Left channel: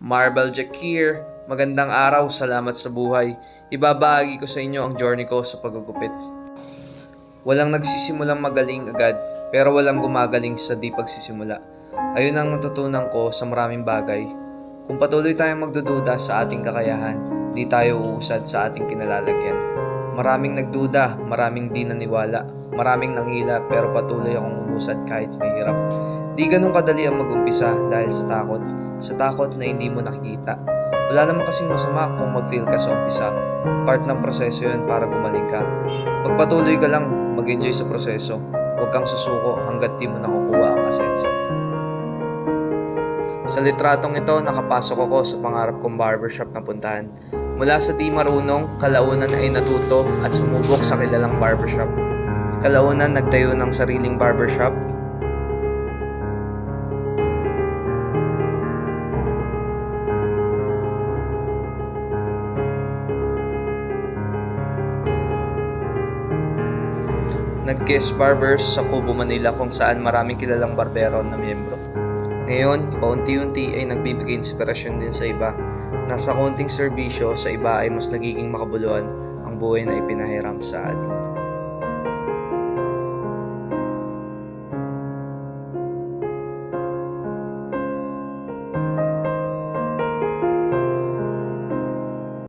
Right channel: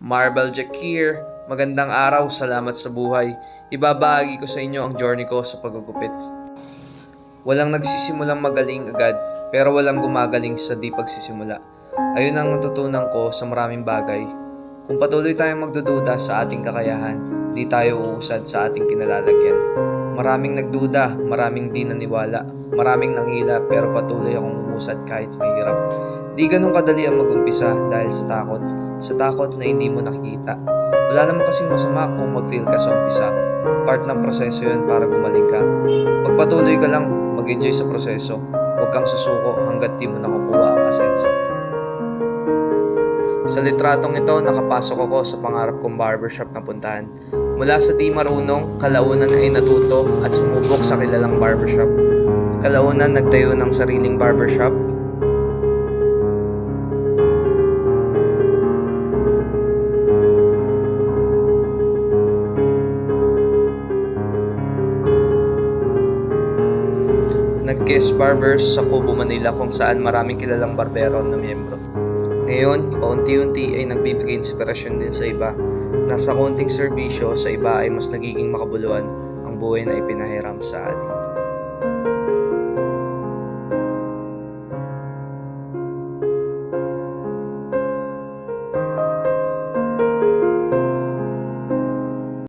Marble Jakir, magandang araw, salamat sa buhay. Ibabahagi ko sa inyo ang journey ko sa paggugupit. Walang nagsisimulang magaling agad, pero walang gumagaling sa di pagsisimula. Ayun ang natutunan ko sa maraming bagay. Kung patuloy tayong magdududa sa ating kakayahan, di tayo uusad sa ating kinalalagyan. Maraming nagduda, maraming di naniwala, maraming nanghila pero patuloy akong umusad kahit mahirap. Di ganun kadali ang mag-umpisa dahil sa takot na hindi mo nakikita. Wala naman kasing masama kung mag-fail ka sa umpisa. Part ng proseso yun para gumaling ka. Magpatuloy ka lang, mag-enjoy sa proseso. Huwag kang susuko hanggat di mo nakukuha ang asenso. Sa litratong ito, nakapasok ako sa pangarap kong barbershop na puntahan. Mula sa di marunong, kalaunan ay natuto at sumubok sa kilalang barbershop. Kalaunan nagtayo ng sariling barbershop. Nag-guest barbers sa Kubo, Manila kung saan maraming kilalang barbero na miyembro. Ngayon, paunti-unti ay nagbibigay inspirasyon din sa iba. Nasa konting serbisyo sa iba ay mas nagiging makabuluhan ang buhay na ipinahiram sa atin.